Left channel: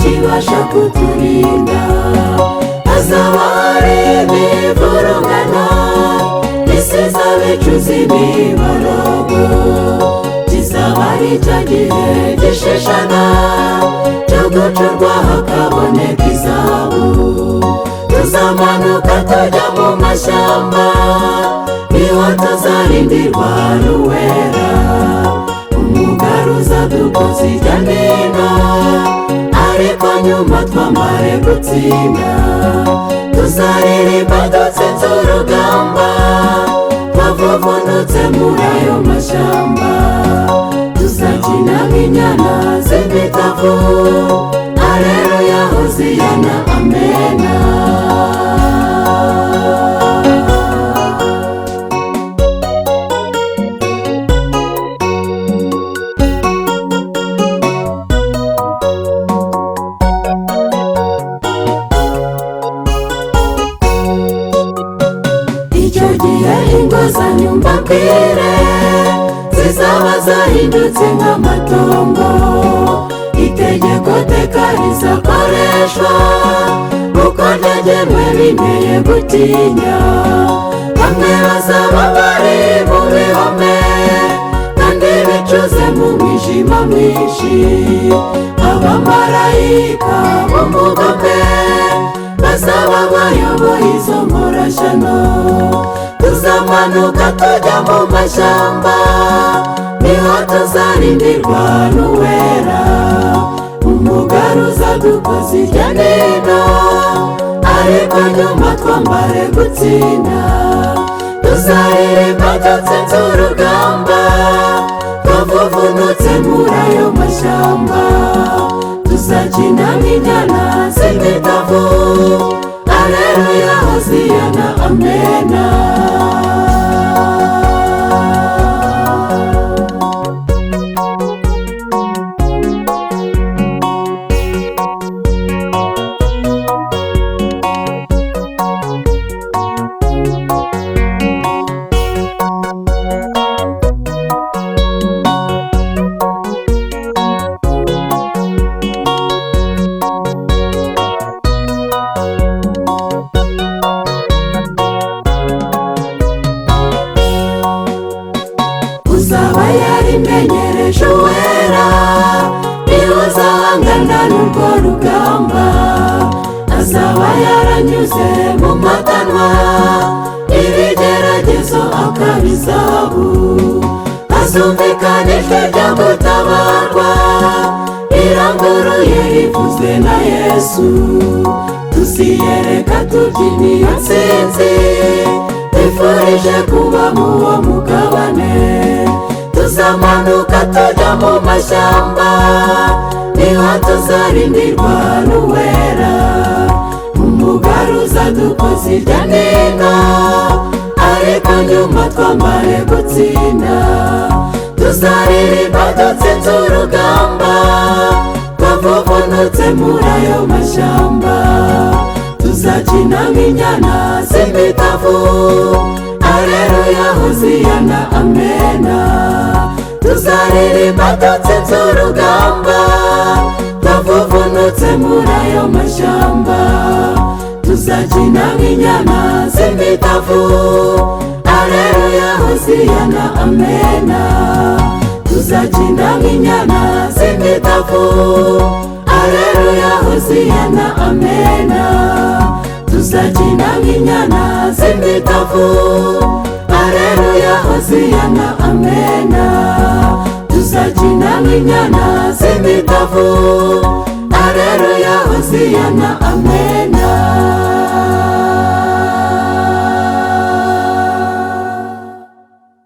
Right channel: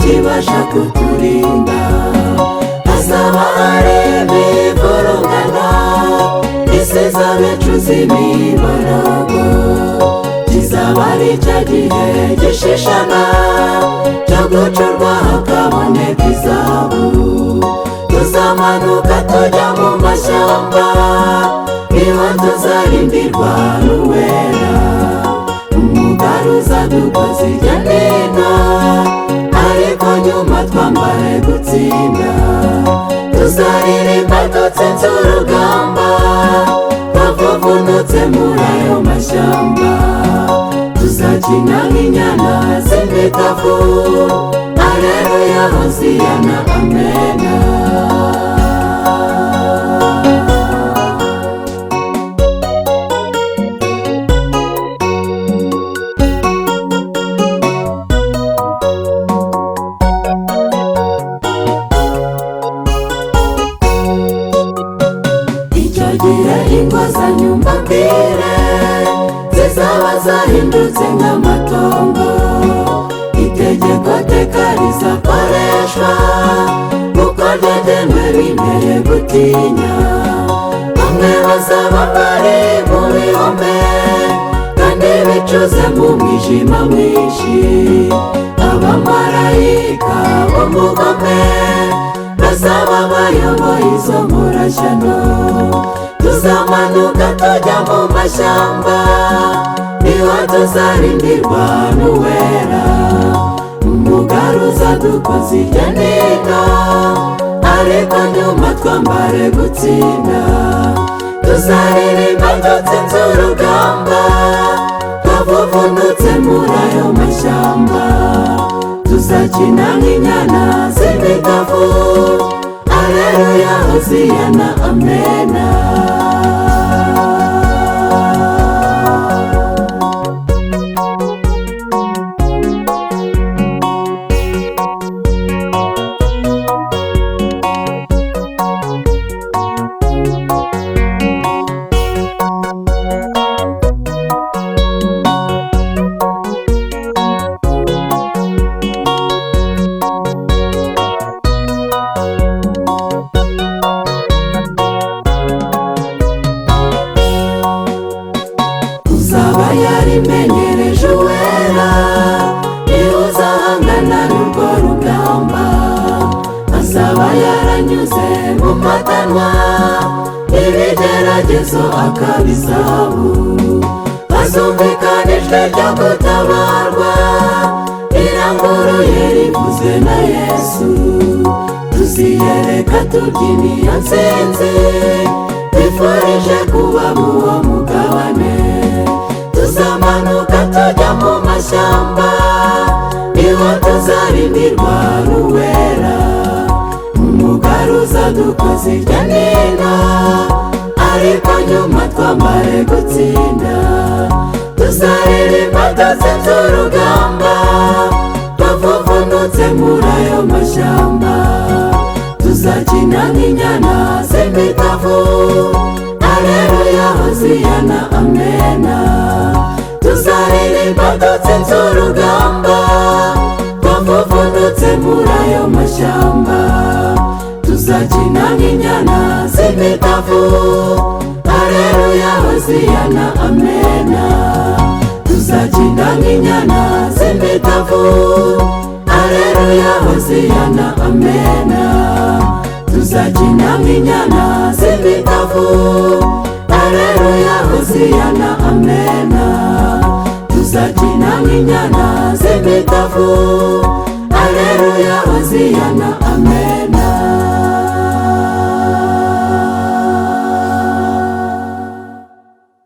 kibasha kuturinda. Hazaba hareba ivurungana, isi izabe icuza imiborogo. Kizaba ari cya gihe gishishana cyo gucurwa hakaboneka izahabu. Tuzamanuka tujya mu mashyamba, niho tuzarindirwa n'Uwera. Umugaruza dukoze hirya no hino, ariko nyuma twambare gutsinda. Tuzaririmba dutsinze urugamba, twavuvunutse muri ayo mashyamba. Tuzakina nk'inyana z'imitavu, Alleluya hoziyana amena. Icyo gihe ingo zanyu mbabwire zizaba zahindutse nk'amatongo. Itegeko teka rizakoreshwa, kuko ryagenwe binteye gutinya. Bamwe bazaba bari mu bihome, kandi bicuze mu mwijima mwinshi. Abamarayika bo mu bwami bazaba bayoboye izo nkorashyano. Tuzamanuka tujya mu mashyamba, niho tuzarindirwa n'Uwera. Umugaruza dukoze hirya no hino, ariko nyuma twambare gutsinda. Tuzaririmba dutsinze urugamba, twavuvunutse muri ayo mashyamba. Tuzakina nk'inyana z'imitavu, Alleluya hoziyana amena. Uzaba yarimenyereje Uwera, niwe uzahangana n'urwo rugamba. Azaba yaranyuze mu matanwa, ibigeragezo akabizabu. Hazumvikana ijwi ryo gutabarwa, riranguruye rivuze na Yesu. Tuziyereka tubyiniye intsinzi, twifurije kuba mu uwo mugabane. Tuzamanuka tujya mu mashyamba, niho tuzarindirwa n'Uwera. Umugaruza dukoze hirya no hino, ariko nyuma twambare gutsinda. Tuzaririmba dutsinze urugamba, twavuvunutse muri ayo mashyamba. Tuzakina nk'inyana z'imitavu, Alleluya hoziyana amena. Tuzaririmba dutsinze urugamba, twavuvunutse muri ayo mashyamba. Tuzakina nk'inyana z'imitavu, Alleluya hoziyana amena. Tuzakina nk'inyana z'imitavu, Alleluya hoziyana amena. Tuzakina nk'inyana z'imitavu, Alleluya hoziyana amena. Tuzakina nk'inyana z'imitavu.